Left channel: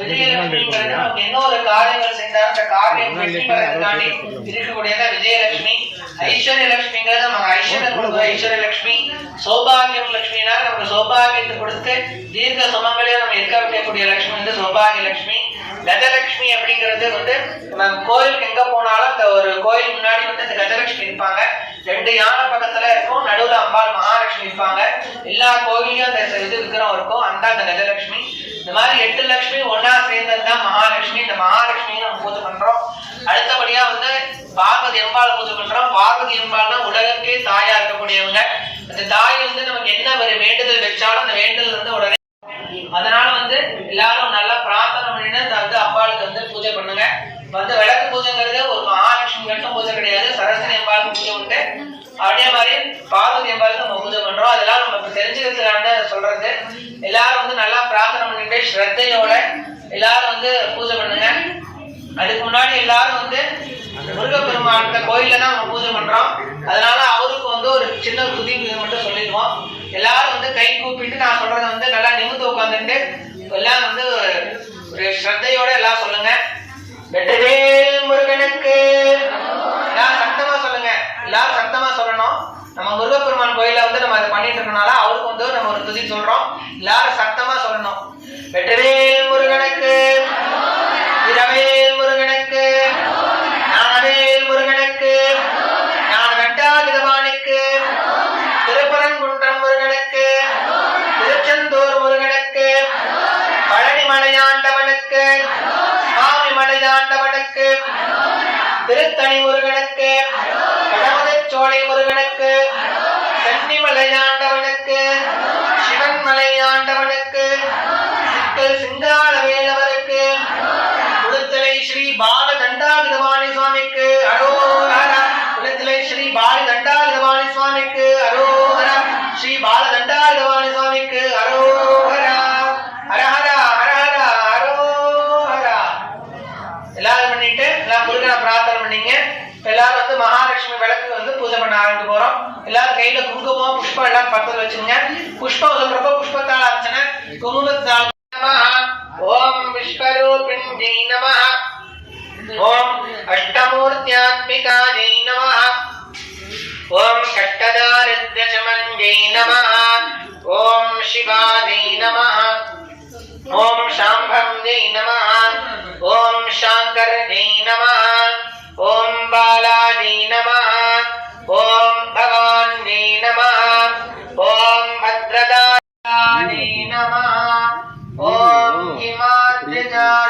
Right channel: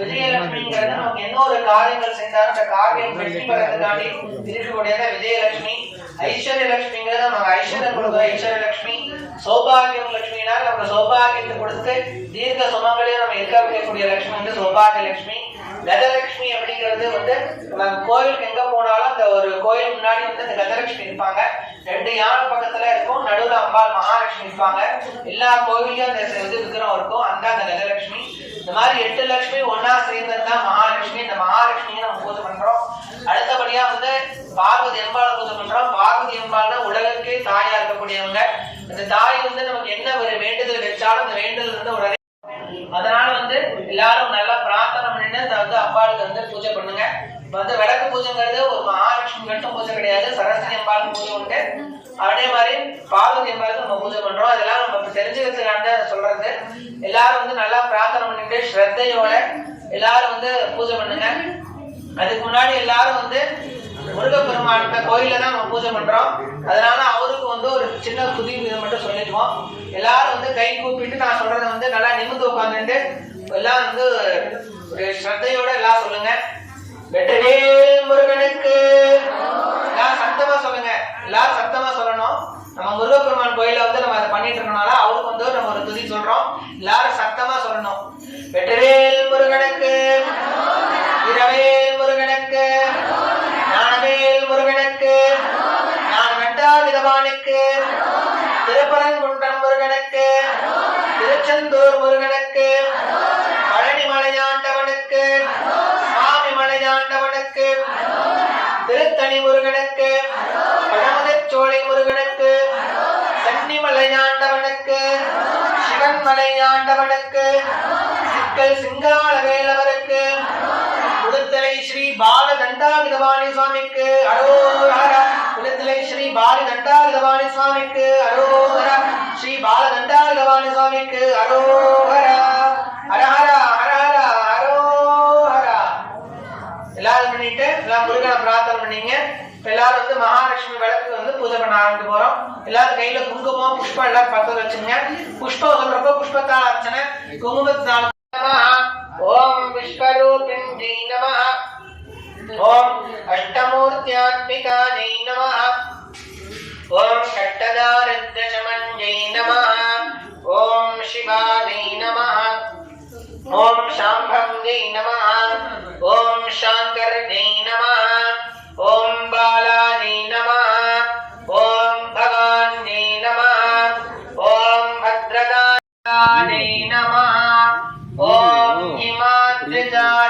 விஜயலட்சுமிங்கிறது நமக்கு என்ன ஒரு காரியங்கள் செஞ்சாலும் அந்த காரியம் வெற்றி பெறதுக்காண்டி இருக்கக்கூடியத விஜயலட்சுமி. நம்ம ஐஸ்வர்யம் கொடுக்குற ஐஸ்வர்ய லட்சுமி சௌபாகியம் லட்சுமினா நமக்கு சௌபாகியத்தை கொடுத்து தீர்க்க சுமங்களையும் நம்ம இருக்க வைக்கக்கூடிய லட்சுமி வந்து சௌபாகிய லட்சுமி கஜலட்சுமி அப்படிங்கிறது வந்து நம்ம கோயிலுக்கு எங்க போனாலும் அந்த ஒரு கோயில் முன்னாடி வந்து இந்த கஜலட்சுமி இருப்பாங்க ரெண்டு யானை பக்கத்துல இருக்கும். நடுவுல அம்பாள் மகாலட்சுமி இருப்பாங்க எல்லா கோயிலையும் அந்த இது விக்கிரம் இருக்கும். அந்த அந்த கஜலட்சுமி. இந்த மாதிரி எட்டு லட்சுமி ஒன்னா சேர்ந்தது தான் மகாலட்சுமி. இந்த மகாலட்சுமியை நம்ம பூஜை பண்றோம். அடுத்தபடியா வந்து பார்வதி எம்பாள் பூஜை பண்றோம். பார்வதி அம்பாள் உலகக்கே தாயா இருக்கக்கூடியவங்க. அந்த தாய் வந்து நமக்கு என்ன ஒரு வேண்டுதல் வச்சாலும் அந்த வேண்டுதல் வந்து உடனே அதனால வந்து எல்லாரும் நல்லா பிரார்த்தனை பண்ணிட்டு வந்து அம்பாளுக்கு வந்து பூஜை பண்ணுங்க. வந்து விளக்கு பூஜைங்கிறது ஒரு மகாலட்சுமி மட்டும் பூஜை கிடையாது. சரஸ்வதி அம்பாளுக்கு பூஜை உண்டு. அதே மாதிரி பார்வதி அம்பாளுக்கு நம்ம பூஜை பண்றோம். அதெல்லாம் நம்ம தெரிஞ்சுக்கிறதுக்காண்டி அதை சொல்றது. எல்லாரும் வந்து நல்லா பிரார்த்தனை பண்ணிட்டு ஸ்ரத்தையோட எல்லாரும் வந்து பூஜை பண்ணுங்க. அதுக்கு முன்னாடி எல்லாரும் வந்து முருகப்பெருமான் இந்த கோயில்ல தான் நம்ம பூஜை பண்றோம். அதனால அவருக்கு வந்து ஒரு சின்ன துதி மட்டும் சொல்லிடுவோம் எல்லாரும் வந்து கை கூப்பிட்டு நான் சொல்றத வந்து நல்லா நிமிர்ந்து உட்காந்துட்டு எல்லாம் வந்து ஒரு ஸ்ரத்தையோட எல்லாம் சொல்லுங்க. வெற்றிவேல் முருகனுக்கு. எல்லாம் சத்தமா சொல்லுங்க. எல்லாரும் சத்தமா சொல்லணும். நம்ம முருகப்பெருமான் கோயிலில் வந்து நம்ம அதை பண்ணிட்டு இருக்கனால அவருக்கு வந்து நம்ம ஒரு துதி சொல்றோம். எல்லாரும் சத்தமா சொல்லணும். வெற்றிவேல் முருகனுக்கு இரவேல் முருகனுக்கு ஞானவேல் முருகனுக்கு ஞான வெட்டாவிதவானுக்கு திருப்பரங்குன்றம் முருகனுக்கு திருச்செந்தூர் முருகனுக்கு பழனி மலையாண்டவனுக்கு சுவாமி மலையாண்டவனுக்கு திருத்தணி முருகனுக்கு பழமுதிர்ச்சோலை முருகனுக்கு சென்னி மலையாண்டவனுக்கு சிவன் மலையாண்டவனுக்கு சிக்கல் சிங்கார வேலவருக்கு குளுத்தலை ஸ்ரீ பால தண்டாயுதபாணி சுவாமிக்கு அரோகரா. குளுத்தலை ஸ்ரீ பால தண்டாயுதபாணி சுவாமிக்கு அரோகரா. ஸ்ரீ பால தண்டாயுதபாணி சுவாமிக்கு அரோகரா ஹரஹரா ஹரஹரா அரோஹரா எல்லாரும் பண்ணிட்டு எல்லாம் முருகனை பிரார்த்தனை பண்ணீங்க இப்ப எல்லாரும் வந்து மகாலட்சுமி விளக்கு வந்து பூஜை பண்ண ஆரம்பிக்க போறோம். எல்லாரும் கையில குங்குமம் புஷ்பம் எல்லாரும் பக்கத்துல வச்சுங்க புஷ்பம் சொல்றப்போ புஷ்பத்தால் அர்ச்சனை. குங்குமத்தால் ஓம் ஓம் விஸ்வரூபிண்யை நம. ஓம் அஷ்டமூர்த்தியாத்மிகாயை நம. ஓம் கட்டதாரித்யசமஞ்சை நம. ஓம் சிவாயை நம. ஓம் சாம்பம் ஜெய் நம. ஓம் சாங்கர் ஜெய் நம. ఓం బాలాని నమ. ఓం భగవాన్ని నమ. ఓం భద్రదాని నమ. ఓం హిమాద్రిదాని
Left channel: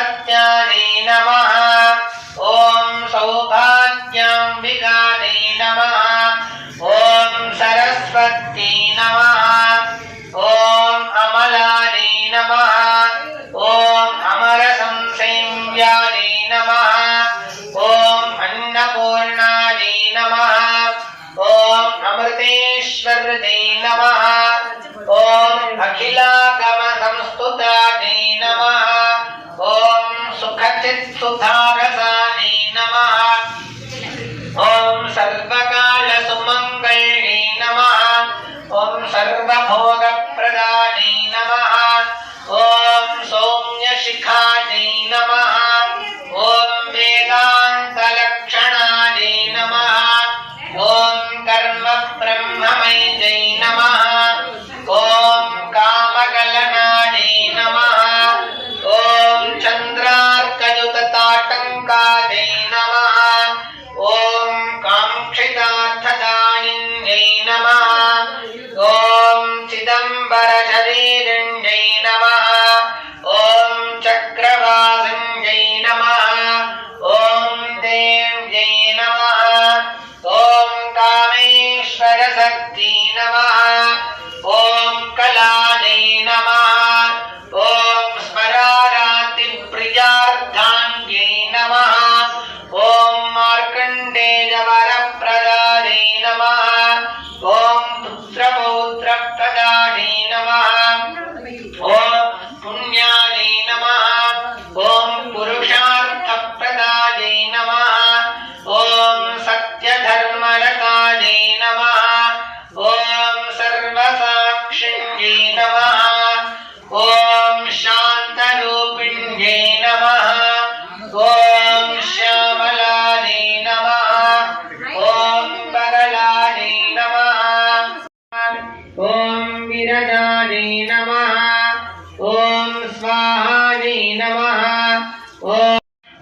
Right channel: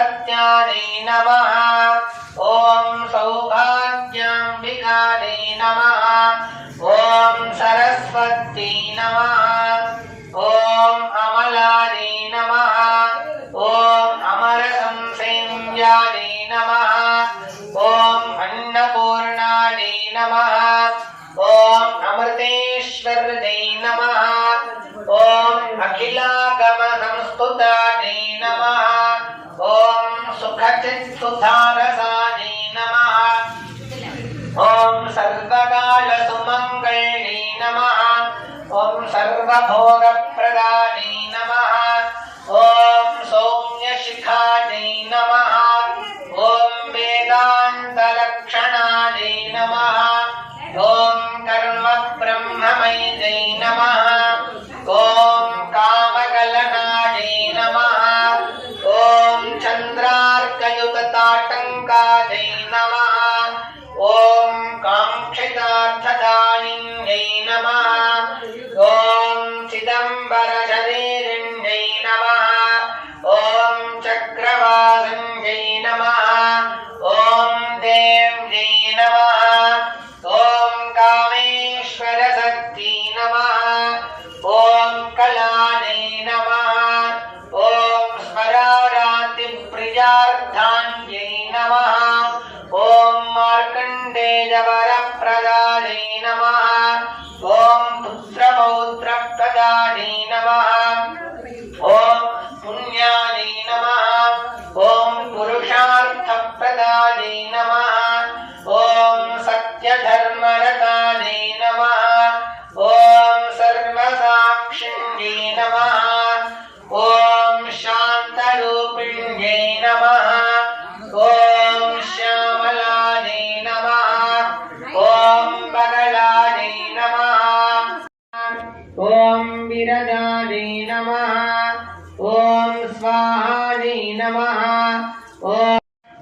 ॐ सत्यायै नमः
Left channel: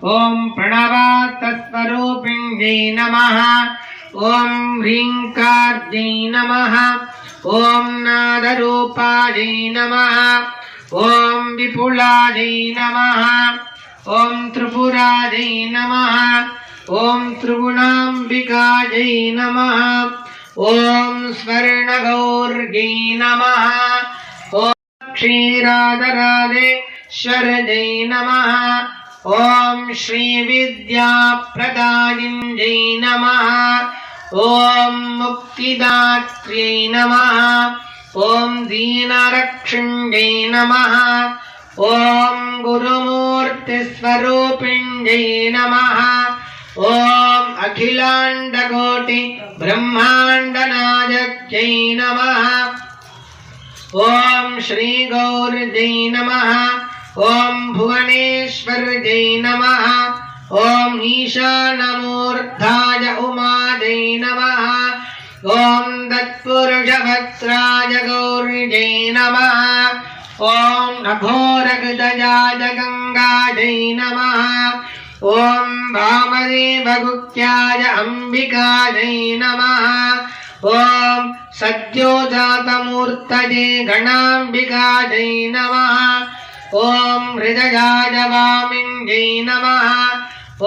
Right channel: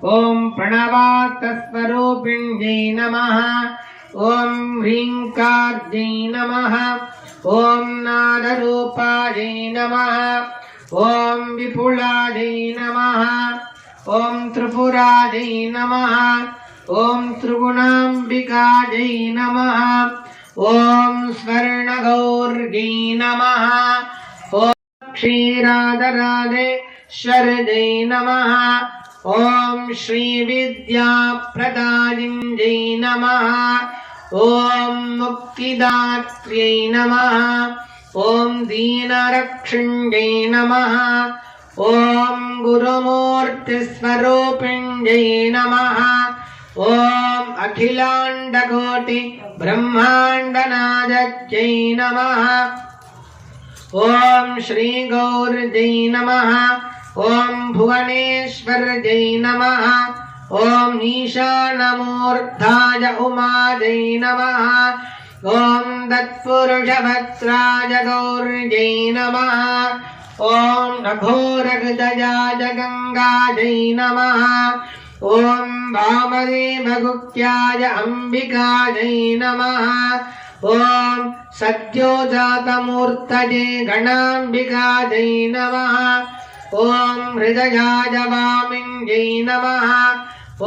ॐ ॐ प्रणवातस्वरूपिण्यै नमः ॐ ह्रीङ्कार्यै नमः ॐ नादरूपायै नमः ॐ विपुलायै नमः ॐ त्रिपुरायै नमः ॐ त्रिगुणाम्बिकायै नमः ॐ स्वर्णगौर्यै नमः ॐ क्षीरादराधेश्वरजै नमः ॐ श्रीविद्याप्रदायिञ्जै नमः ॐ मुक्तिदात्र्यै नमः ॐ दीनरक्षिण्यै नमः ॐ गुरुमूर्तिस्वरूपिण्यै नमः ॐ अखिलाण्डकोटि ब्रह्माण्डनायक्यै नमः ॐ श्रीगौर्जै नमः ॐ भुवनेश्वर्जै नमः ॐ ईशानमूर्धाय उमाजै नमः ॐ तत्पुरुषभद्राय गौर्जै नमः ॐ नभोरगदजाय गङ्गाजै नमः ॐ वामदेवगुप्त्याय अम्बिकाजै नमः ॐ सद्योजातमूर्तये गणाम्बिकाजै नमः ॐ हृदयाय वामिञ्जै नमः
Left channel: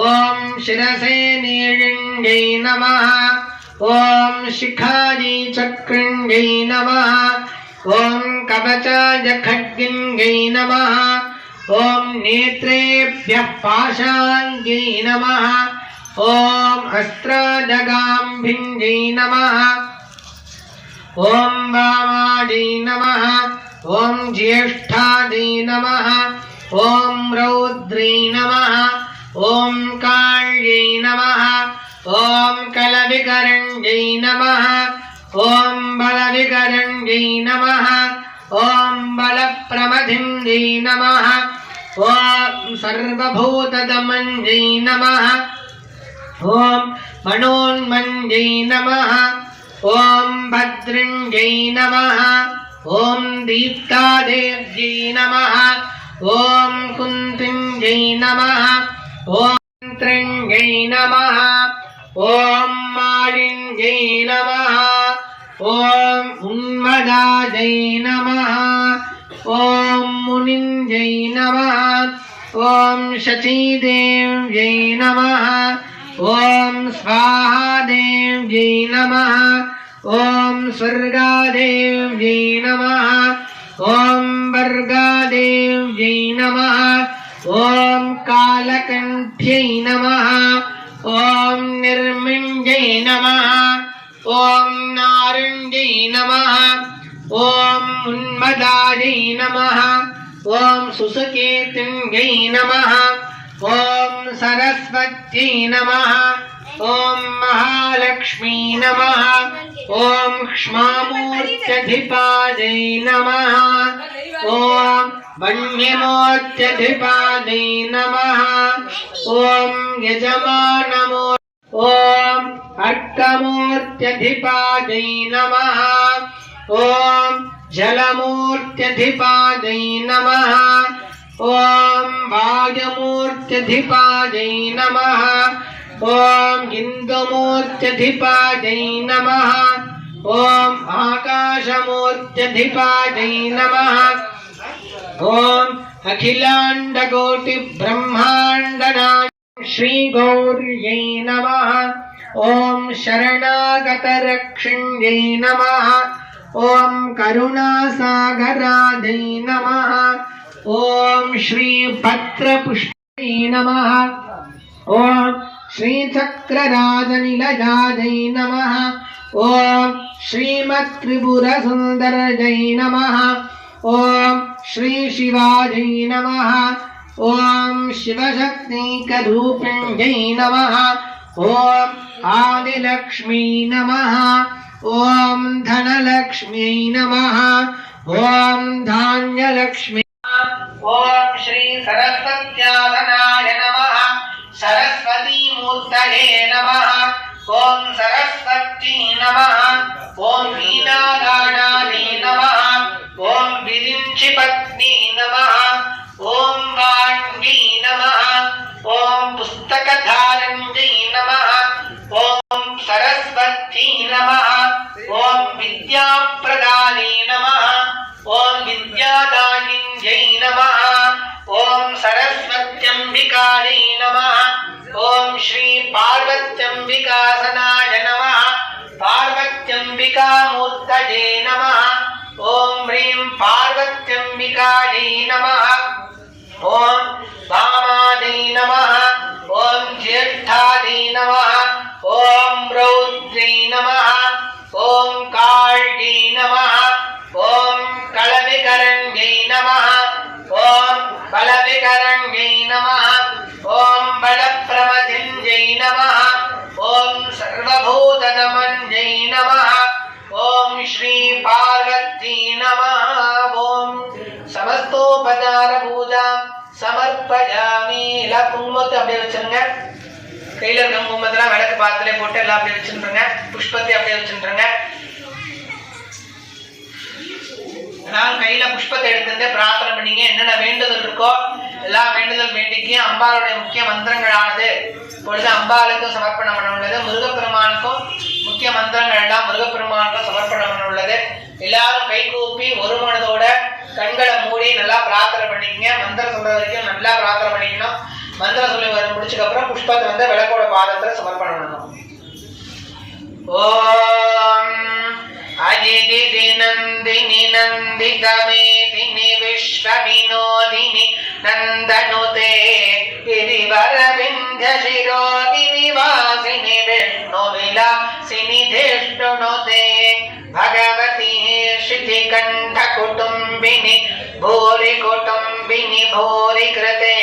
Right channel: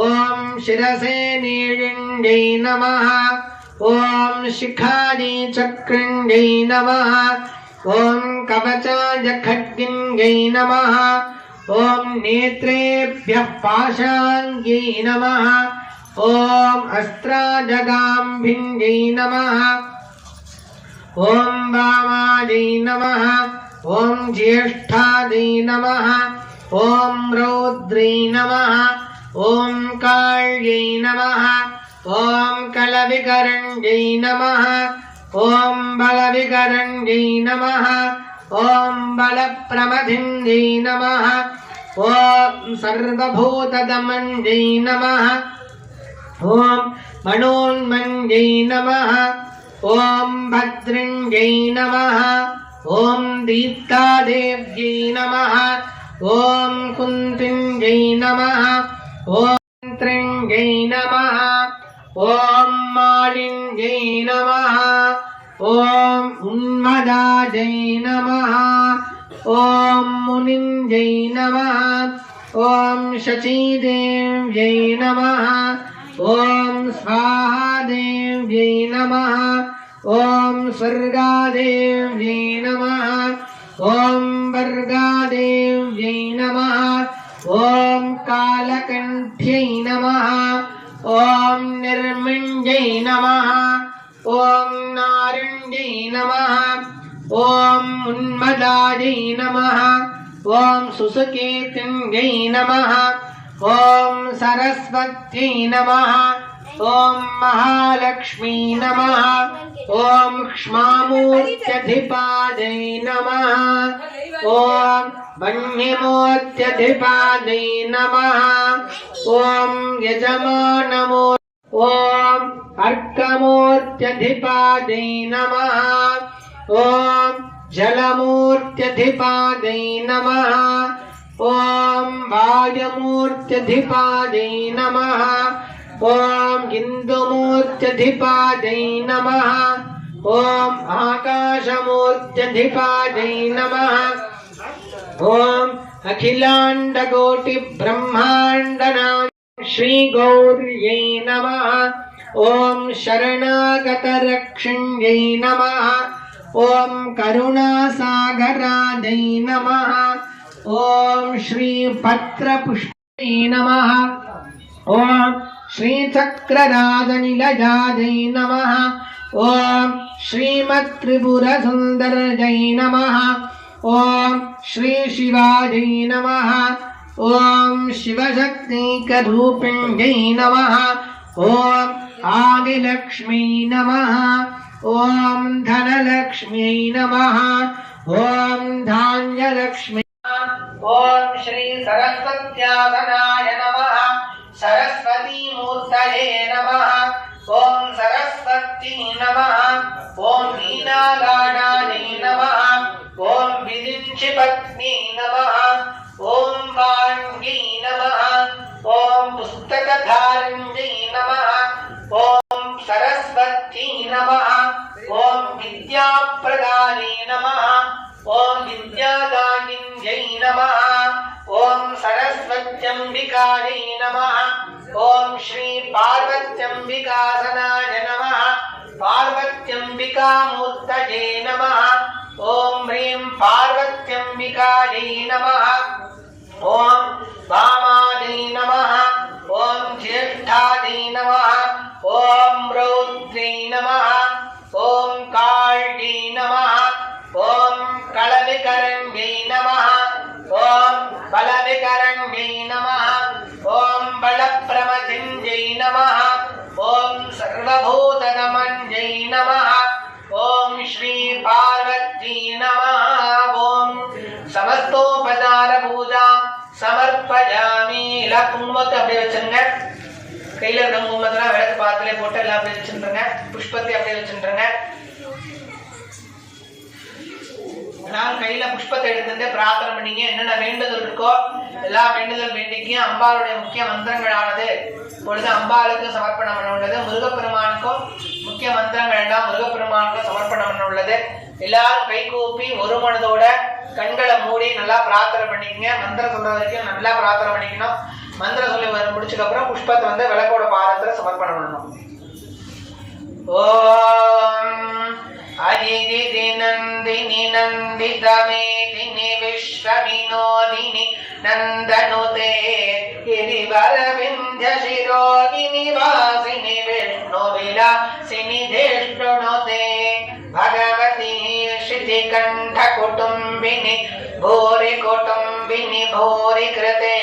ॐ शिरसे नीलिञ्जै नमः ॐ शिखायै चक्रिञ्जै नमः ॐ कवचाय खड्गिञ्जै नमः ॐ नेत्रेभ्यः पाशाङ्ग्यै नमः ॐ अस्त्राजगाम्भिञ्जै नमः ॐ वामायै नमः ॐ ज्येष्ठायै नमः ॐ रौद्रै नमः काళ్यै नमः ॐ कलविकरञ्जै नमः ॐ बलविकरञ्जै नमः ॐ बलप्रमथिञ्जै नमः ॐ सर्वभूतदमञ्जै नमः ॐ मनोन्मञ्जै नमः ॐ भद्रञ्जै नमः। ఓం దీప్తాదేవ్యై నమ ఓం కుంతింజై నమ ఓం త్రింజై నమ ఓం మాళింజై నమ ఓం ఉన్మదాజై నమ ఓం మునింజై నమ ఓం శచీదేవ్యై నమ ఓం స్వాహాదేవ్యై నమ ఓం స్వర్గాదేవ్యై నిర్మింజై నమ. ఓం నిర్మింజై నమ. ఓం నారుణ్యై నమ. ఓం ఉన్మదాజై నమ. ఓం సుసుకేతుంగై నమ. ఓం సరస్వత్యై నమ. ॐ महालक्ष्मी नमः। ॐ क्ष्मामूर्त्यधिपादै नमः। ॐ वन्यमोत्यधिपादै नमः। ॐ यजमानमो ॐ अर्कमूर्त्यधिपादै नमः। ॐ जलमूर्त्यधिपादै नमः। ॐ वायुमूर्त्यधिपादै नमः। ॐ इन्दुमूर्त्यधिपादै नमः। ॐ आकाशमूर्त्यधिपादै नमः। ॐ अखिलाण्डकोटिब्रह्माण्डनाय श्रीगौर्यै नमः। ॐ शरणागतरक्षिण्यै नमः। ॐ करुणासागरादै नमः। ॐ श्रीभद्रपुष्पै नमः। ॐ श्रीचक्रराजनिलजादै नमः। ॐ श्रीमत्त्रिपुरसुन्दरजै नमः। ॐ श्रीशिवाजै नमः। ॐ शिवशक्तिकरूपिण्यै नमः। ॐ आदिलक्ष्मी नमः। ॐ धनलक्ष्म्यै नमः। ॐ धान्यलक्ष्मी। ॐ श्री सरस्वत्यासनाय नमः। सरस्वती मूर्तये नमः ॐ सरस्वती नमः ॐ वीणागानायै नमः ॐ विरिञ्चिपत्नी नमः ॐ वाण्यै नमः ॐ पुस्तकधारण्यै नमः ॐ सरस्वती नमः ॐ विद्याप्रदाने नमः ॐ विद्यादायिन्यै नमः ॐ सरस्वत्यम्बिकायै नमः ॐ श्री पार्वत्यम्बिकासनाय नमः पार्वत्यम्बिकामूर्तये नमः ॐ ह्रीं पार्वत्यम्बिकायै नमः ॐ वामादै नमः ॐ ज्येष्ठादै नमः ॐ रौद्रै नमः ॐ काळ्यै नमः ॐ कलविकरण्यै नमः பல விகரங்கை நம ஓம் பல பிரமஜிஞ்சை நம ஓம் சர்வபூத நமஞ்சை நம ஓம் ஸ்ரீ பார்வதி நம ஓம் சமஸ்தோபதார பூஜா சமர்ப்பயாமி எல்லாம் குங்குமத்தை அப்படியே வச்சிருங்க. கையில் இருக்க குங்குமத்தெல்லாம் வடக்கு பாத்திலே போட்டு எல்லாம் அப்படியே வச்சுருங்க புஷ்பத்தை அப்படியே வச்சுருங்க நான் கையில புஷ்பத்தை எடுத்துட்டு பிரார்த்தனை பண்ணீங்க. என்னென்ன வேண்டுதல் இருக்கோ எல்லா வேண்டுதல் வேண்டிக்கும் அம்பாளுடைய முக்கிய மந்திரங்களானது. பொழுது அம்பாளுக்கும் சமர்ப்பணம் பண்ண உள்ளது முருகப்பெருமானுக்கும் முக்கிய மந்திரங்கள் எல்லாம் முருகப்பெருமானுக்கும் சமர்ப்பணம் பண்ண உள்ளது எல்லாரும் கைகூப்பி ஒரு மனதோட கண்களை மூடி நல்லா பிரார்த்தனை பண்ணிக்கங்க. மந்திரம் சொல்ற வரைக்கும் நல்லா பிரார்த்தனை பண்ணிக்கணும். மந்திரம் சொல்லி வர முடிச்சதுக்கப்புறம் புஷ்பத்தை வந்து விளக்கோட பாதத்தில் சமர்ப்பணம் பண்ணணும். ஓ नन्दिनि नन्दितमेदिनि विश्वविनोदिनि नन्दनुते गिरिवरविन्ध्यशिरोदिनि वासिनि विष्णुविलासिनि धेष्टुनुते भगवती श्रुतिकण्ठकुटुम्बिनि भूरि कुटुम्बिनि भूरि कृते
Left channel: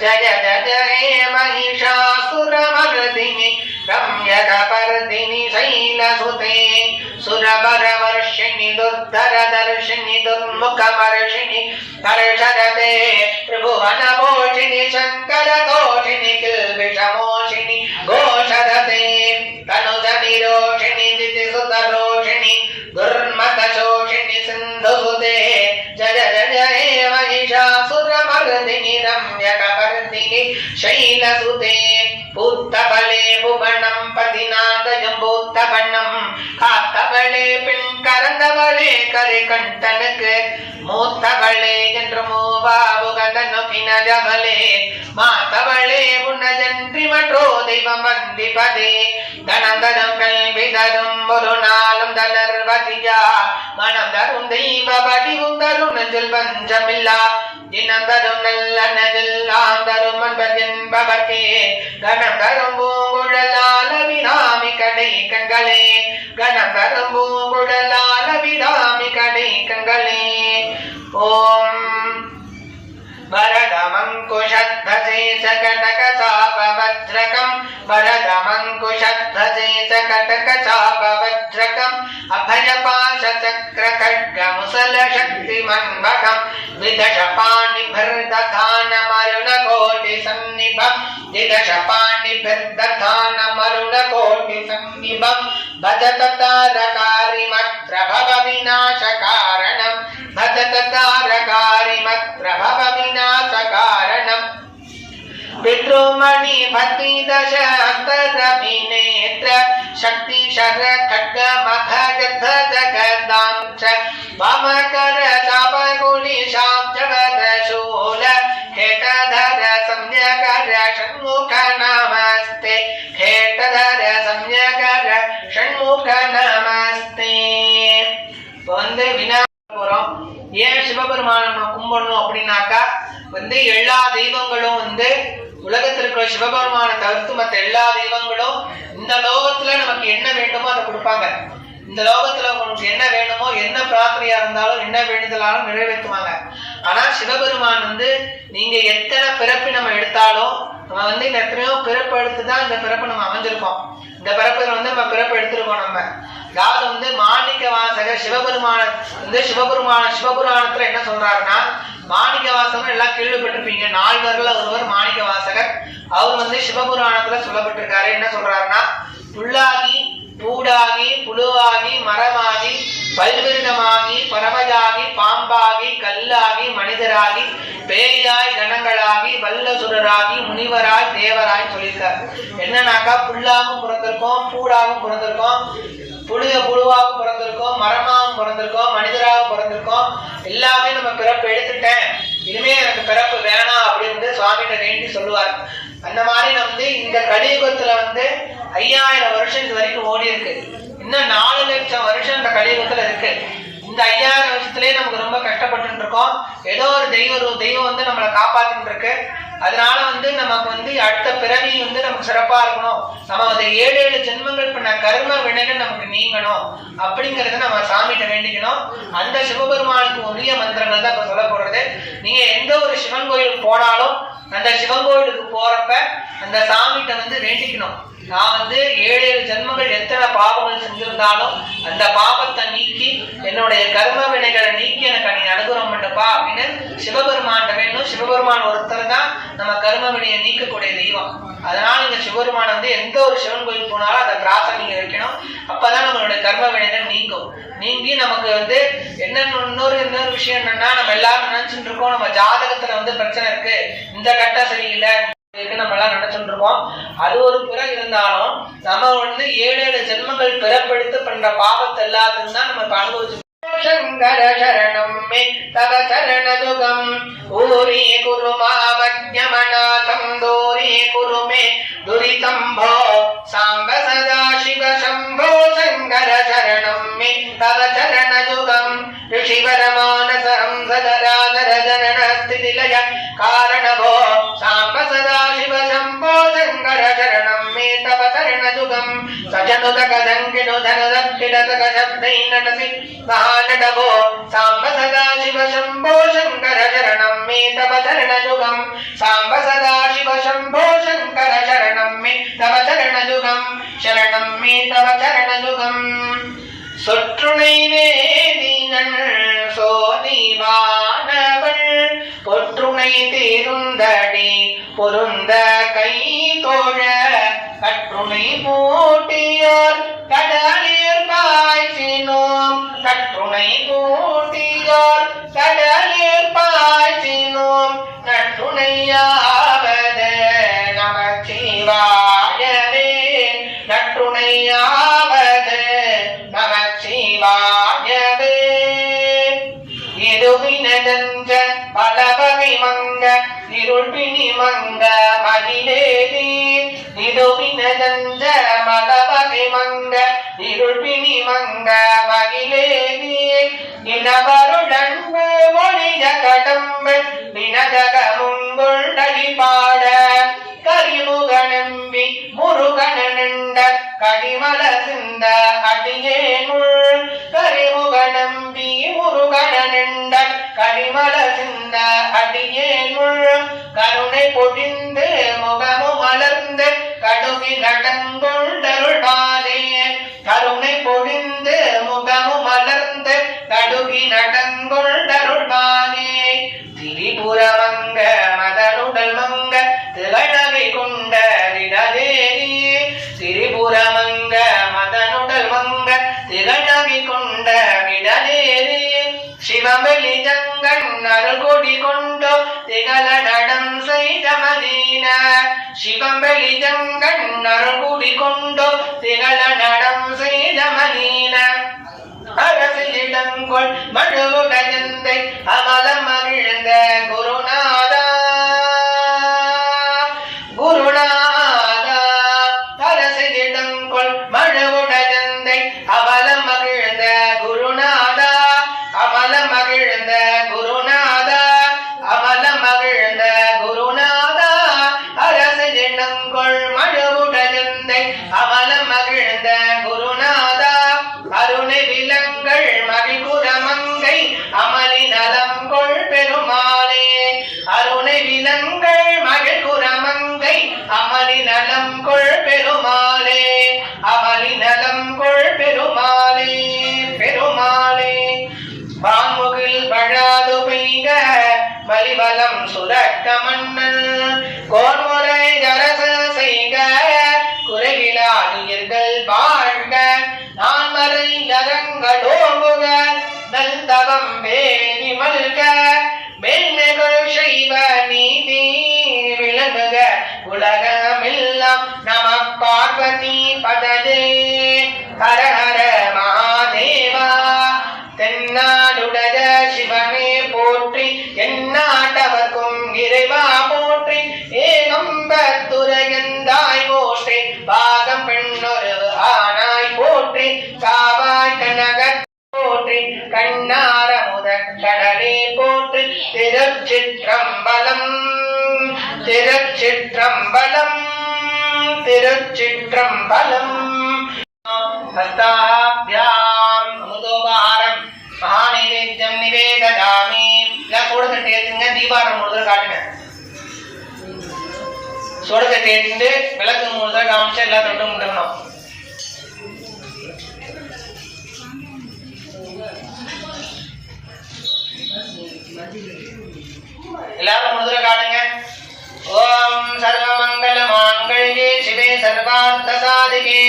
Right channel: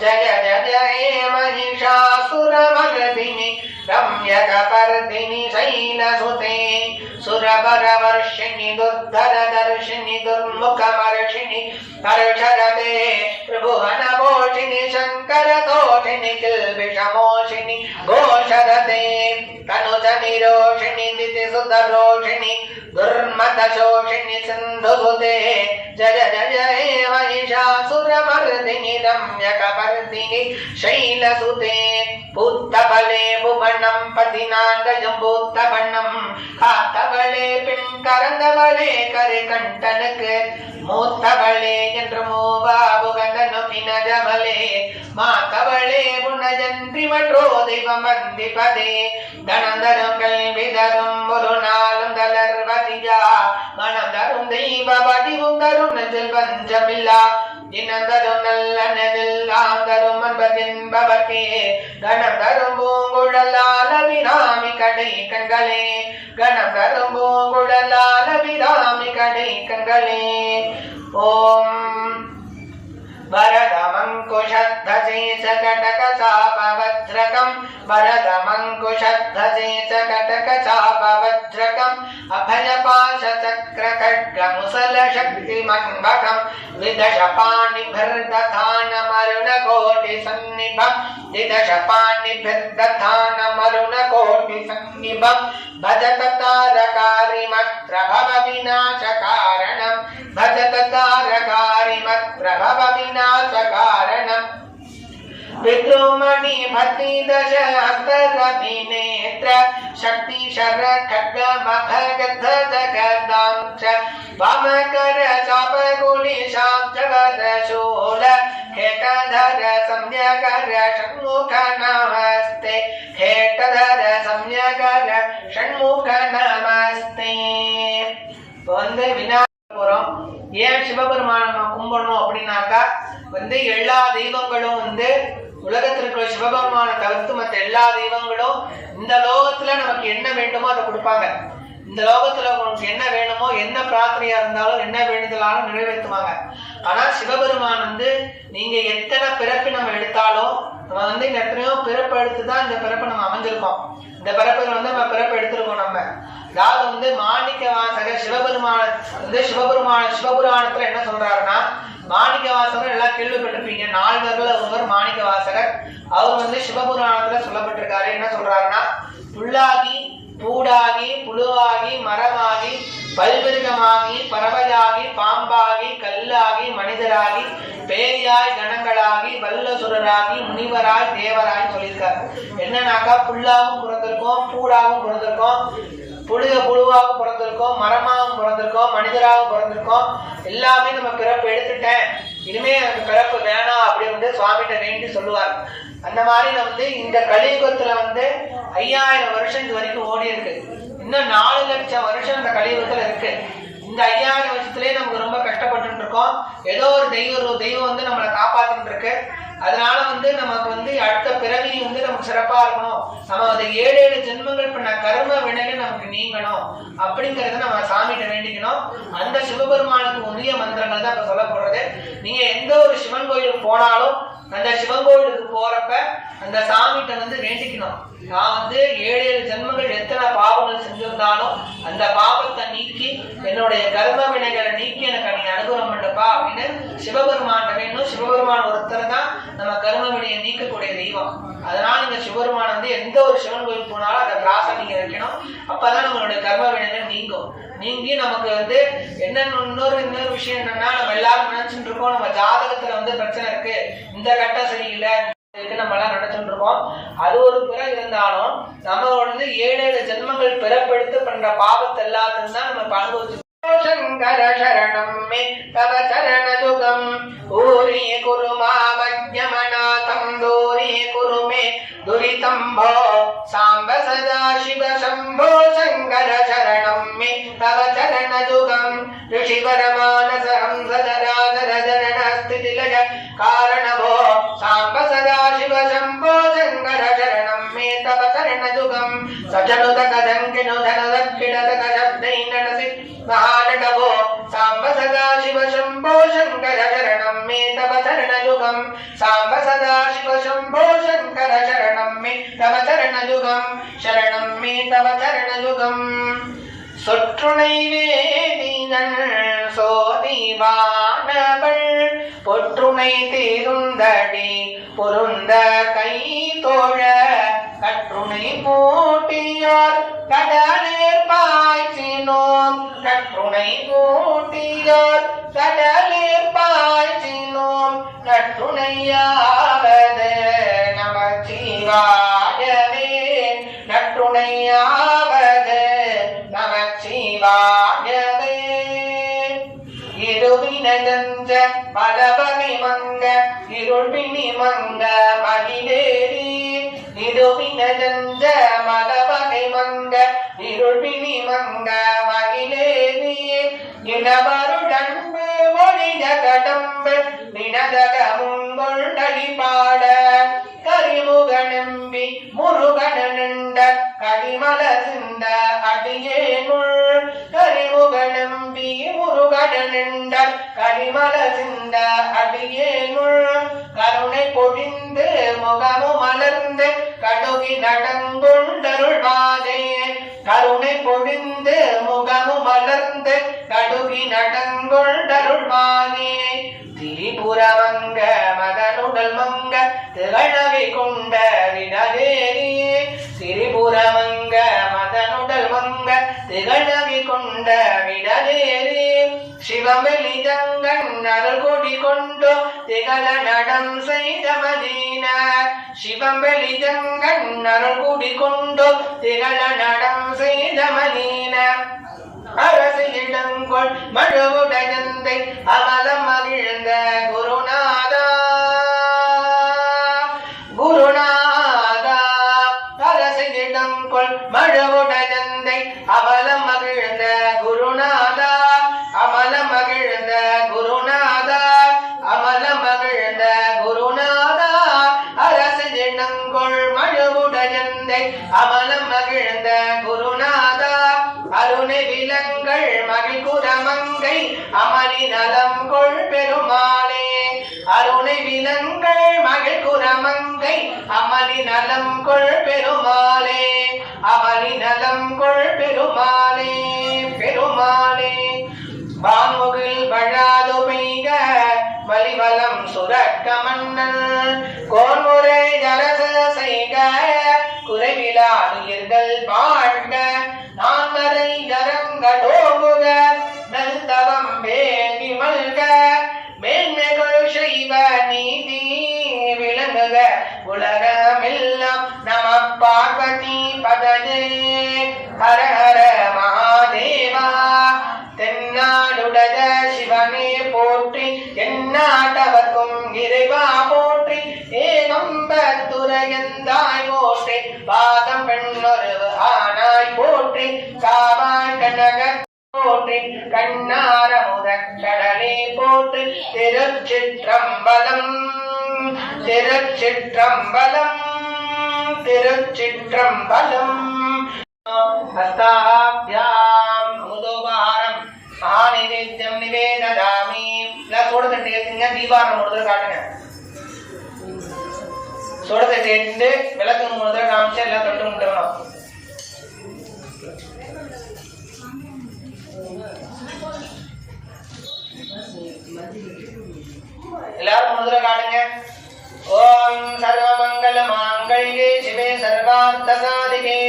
जय जय हे महिषासुरमर्दिनि रम्यकपर्दिनि शैलसुते सुरवरवर्षिणि दुर्धरदर्शिनि दुर्मुखमर्षिणि हर्षरते त्रिभुवनमोषिणि शङ्करतोषिणि किल्बिषमोषिणि घोषरते तनुजनिरोषिणि दितिसुतरोषिणि दुर्मतशोषिणि सिन्धुभुते जय जय महिषासुरमर्दिनि रम्यकपर्दिनि शैलसुते। பூத்தவளே புவனம் பதினாதயம் காத்தவளே பெண் கறந்தவளே கரை கண்டனுக்கு மூத்தவளே என்று மூவா புகந்தனும் மாத்தவளே புனஜன்றி மற்றோ தெய்வம் வந்திப்பதே. தனந்தரும் கல்வி தரும் ஒரு நாளும் தளர்வதியா. மனம் தரும் தெய்வ வடிவும் தரும் நெஞ்சில் பஞ்சமில்லா. தினந்தரும் நல்ல நெல்லாம் தரும் அன்பதென்பவர்க்கே கணம் தரும் பூங்குழலால விராமி கடை கங்களே கணம் தரும் பூங்குழலால விராமி கடை கங்களே ஓம் வர षड्भजेशकटकचापवज्रकम् अभयपाशचक्रखड्गमुसलशक्तिमन्वकम् विदशपाणिभिर्दधानमरुणकोटिसन्निभम् विदशपाणिभिर्दधानमरुणकोटिसन्निभम् भजत तारकारिमप्रभवविनाशकारणम् भजत तारकारिमप्रभवविनाशकारणम् पितृमणि भक्ति दश अन्तरभिनेत्र शक्ति शर खड्ग मघ गद्ध जगदांश वामकर चापकुलि शाब्जगद शूल खेटधर सम्यकर षण्मुख नमस्ते खेटधर सम्यकर षण्मुख நமஸ்தே இப்போ வந்து விநாயகர் போறோம் ஏன் சிவபெருமானை நம்ம கும்பிடணும் அப்படின்னாக்கா வந்து எல்லா தெய்வங்களும் வந்து உலகத்தில் இருக்கிற சிவபெருமானை தவிர்த்து மற்ற எல்லா தெய்வங்களும் இந்த லோகத்துல நமக்கு என்ன வேண்டுமோ அதை கொடுப்பாங்க. இந்த லோகத்துல உங்களுக்கு என்ன வேணுமோ என்ன பிரார்த்தனையா இருந்தாலும் என்ன வேண்டுதலாலும் நிறைவேற்றுவாங்க. ஆனா சிவபெருமான் வந்து நீங்க எத்தனை பிறப்பு நம்ம எடுத்தாலும் நம்ம வந்து இந்த எத்தனையோ பிறப்பு எடுத்து தான் இந்த பிறப்பு நம்ம அமைஞ்சிருக்கோம். இந்த பிறப்புல வந்து நம்ம பிறப்பு எடுத்திருக்கோம் நம்ம. அதாவது வந்து மாணிக்க வாசகர் சிவபெருமான வந்து சிவபெருமான சிவபுராணத்துல என்ன சொல்றாருன்னா மாணிக்க வாசகர் எல்லாம் கேள்விப்பட்டிருப்பீங்க. நால்வர்கள் ஒருவர் மாணிக்க வாசகர் அவர் வந்து சிவபுராணத்துல சொல்லப்பட்டிருக்காரு. என்ன சொல்றாருன்னா புல்லாகி பூடாகி புழுவாகி மரமாகி பல்விருதமாகி பறவையாகி பாம்பாகி கல்லாகி மனிதராகி பேயாய் கணங்களாகி வல்லசுரராகி முனிவராய் தேவராய் சொல்லியிருக்காரு. என்னன்னாக்கா புல்லாகவும் பிறந்திருக்கோம் பூடாகவும் பிறந்திருக்கோம். புழுக புழுவாகவும் பிறந்திருக்கோம் மரமாகவும் பிறந்திருக்கோம் மனிதராகவும் பிறந்திருக்கோம். எல்லாமே நம்ம பிறப்பு எடுத்துட்டேன். இனிமே எனக்கு பிறப்பு வேணாம் அப்படின்னு சுவாமிகிட்ட வேண்டி சொல்லுவார். அந்த மாதிரி வந்து இந்த கலியுகத்துல வந்து ஐயாயிரம் வருஷம் இது வரைக்கும் ஓடி இருக்கு. இன்னும் நாலு லட்சம் வருஷம் இந்த கலியுகத்துல இருக்கு. இந்த ஐயாயிரம் வருஷத்துலயே நமக்கு ரொம்ப கஷ்டப்பட்டு இருக்கோம். ஏதோ ஒரு தெய்வ தெய்வம் வந்து நம்மளை காப்பாத்திட்டு இருக்கு. அதனால வந்து நமக்கு வந்து அடுத்த பிறவி வந்து நமக்கு சிறப்பா இருக்கணும். நம்ம வந்து ஏழு ஏழு ஜென்மங்கள் பண்ண கர்ம வினைகள் நமக்கு நீங்கணும். அப்படிங்கறத நம்ம சாமிகிட்ட வேண்டிக்கணும். அந்த சிவபெருமானுக்கு உரிய மந்திரங்கள் தான் இப்ப சொல்ல போடுறது நீங்க எந்த ஒரு சிவன் கோயிலுக்கு போனாலும் அந்த சிவன் கோயிலுக்கு போறப்ப அந்த சாமிகிட்ட வந்து வேண்டிக்கணும். நான் வந்து ஏழு ஏழு ஜென்மங்கள் எத்தனை பாவங்கள் செஞ்சிருந்தாலும் அந்த பாவத்தை நீக்கி என்னுடைய கர்ம வினைகளை நீக்கி எனக்கு நீ அனுகூலம் பண்ணுப்பா அப்படின்னு சிவபெருமான்கிட்ட வேணும். சிவபெருமான் ஒருத்தர் தான் நம்ம கர்ம வினையை நீக்கக்கூடிய தெய்வம். அதனால நீங்க சிவபெருமான் வந்து எந்த ஒரு சிவன் கோயில் போனாலும் அதை பிரார்த்தனை நீங்க வைக்கணும். அப்பதான் நம்மளுடைய கர்ம வினைகள் நீங்கும். நீங்கி நமக்கு வந்து என்ன இன்னொரு இன்னொரு விஷயம் என்னன்னா நம்ம எல்லாரும் நினைச்சுட்டு இருக்கோம் நம்ம ஜாதகத்துல வந்து பிரச்சனை இருக்கு. இந்த கட்டம் சரியில்லை இருக்கு நம்ம எல்லாம் நினைச்சுட்டு இருக்கோம். அது ஒரு புறம் இருந்தாலும் நம்ம வந்து ஏழு ஏழு ஜென்மங்கள் பிறப்பெடுத்து பண்ற பாவத்தை எல்லாத்தையும் தான் நம்ம அனுபவிச்சு ശങ്കര ശരണം മേ തവ ശരണദുഖം ഭൂരി കുരു മാമജ്ഞമനാഥം ദൂരി കുരു മേ ദുരിതം ഭോ സാംബ സദാശിവ ശംഭോ ശങ്കര ശരണം മേ തവ ശരണദുഖം ഋഷിപരമാനസ ഹംസധരാധര ധരണ സ്ഥിതിലയ കാരണഭോ സാംബ സദാ शरणं मे तव शरणजुगं सजनुतकदङ्किनुधनदक्षिणतकशब्दैननसि महानडभो साम्ब सदा शिव शम्भो शङ्कर शरणं मे तव शरणजुगं साम्ब सदा शिव शम्भो शङ्कर शरणं मे तव शरणजुगं शरणं मे तव शरणजुगम् சொற்றுணை வேதிகள் சோதிவானவள் பொற்றுணை தீருந்தடி பொருந்த கை தோழ கற்றுணை போட்டியோர் கடலில் பாய்ச்சினோம். கற்றுணை போட்டியோர் கடலில் பாய்ச்சினோம். நற்றுணையாவது நமச்சிவாயவே நற்றுணையாவது நமச்சிவாயவே இருவினதென்ற பலவகை மங்க இருள்பினி மங்க மகிழேவி. மகிழேரி இருவினதென்ற பலவகை மங்க இருள்பினி மங்க மகிழேரி இனவருடன் மொழித கடம்பு வினதகமுங்கொண்டடி பாட கரிமுகனம்பி முருகனண்ட கடிமல சிந்த அடியேனுள் கரிமுகனம்பி முருகனண்ட கடிமல சிந்த அடியேனுள் கருணை பொடி முகமு மலர்ந்து கடுகி நடங்கொண்டருள்வாரே கருணை பொழிந்து முகமும் மலர்ந்து கடுகி நடங்கொண்டருள்வாரே திரிபுரமங்க மதனுடல் மங்க திகழகை கொண்ட விடதேரி திரிபுரமங்க மதனுடல் மங்க திகழவி கொண்ட விடதேரி சிவபலி அருள்கொடி கொண்டோ திகழ நடம் செய்த மதீன சிவபலி ஜங்கன் அருள்கொடி கொண்டோ திகழ நடம் செய்த மதீன அரசிலிடங்கொள் மழுவுடஞ்சந்தை அமலம் மகிழ்ந்த குருநாதா குருநாதா அரசிலிடங்கொள் மழுவுடஞ்சந்தை மகிழ்குரமங்கை அமளி நலம் கொள் பெருமாளே. அருணை விலங்கள் மகள் குரமங்கை அமளி நலம் கொள் பெருமாளே. அமளி நலம் கொள் பெருமாளே பெருமாளே. வான்முகில் வழாது பெய்க வலிவலம் சுரக்க மன்னன் திருச்சிற்றம்பலம் திருச்சிற்றம்பலம். ஹஸ்தாபியாம் அமுதோபாரம். மகாநைவேத்தியம் நிவேதயாமி. எல்லாம் சோட தட்டு ஏத்துங்க தீபாரம் மூணு தடவை காட்டுங்க. சோட ஏற்றுண்டு விளக்கு மூணு தடவை காமிச்சா எல்லாம் தொட்டு முட்டணும் எல்லாரும் மூணு காட்டுங்க. ஓம் சர்வமங்கல மாங்கல்யே சிவே சர்வார்த்த சாதிகே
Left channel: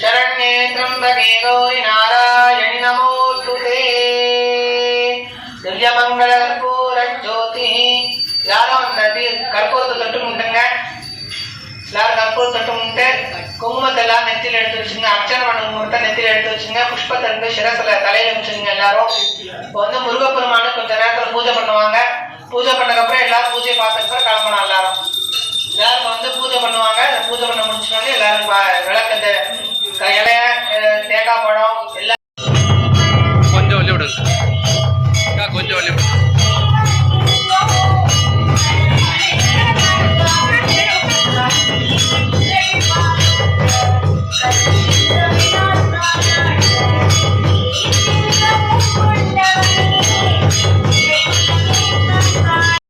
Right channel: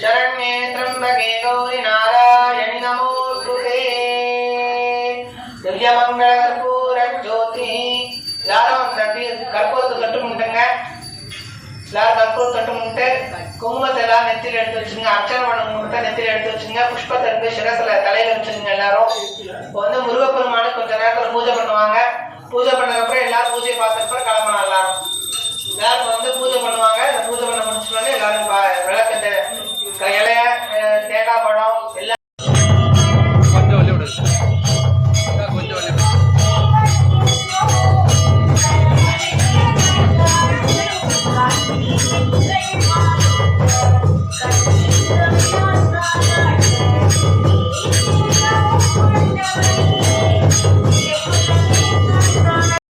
சரண்யே திரம்பகே கௌரி நாராயணி நமோஸ்துதே. திவ்யமங்கள கற்பூர ஜோதி யாரும் அந்த கற்பூரத்தை தொட்டு முட்டுங்க. எல்லாரும் கற்பூரம் தொட்டு முட்டு. குங்குமத்தை எல்லாம் நெத்தியில் எடுத்து வச்சுங்க. அர்ச்சனை பண்ண முகத்தை நெத்தியில் எடுத்து வச்சுங்க. புஷ்பத்தை இருந்து சிரசில் தலையில் வச்சுங்க எல்லாரும். இப்போ வந்து முருகப்பெருமானு கொஞ்ச நேரத்தில் பூஜை பண்ணுவாங்க. பூஜை பண்ணதுக்கப்புறம் எல்லாரும் பூஜை பார்த்ததுக்கப்புறம் கிளம்பணும் எல்லாரும். எல்லாரும் வந்து பூஜை பண்ணுவாங்க. இந்த பூஜை பண்ண முடிச்சோடனே எல்லாரும் வ- விளக்கு இந்த க- இலைய தேங்காய் பழம் எல்லாம்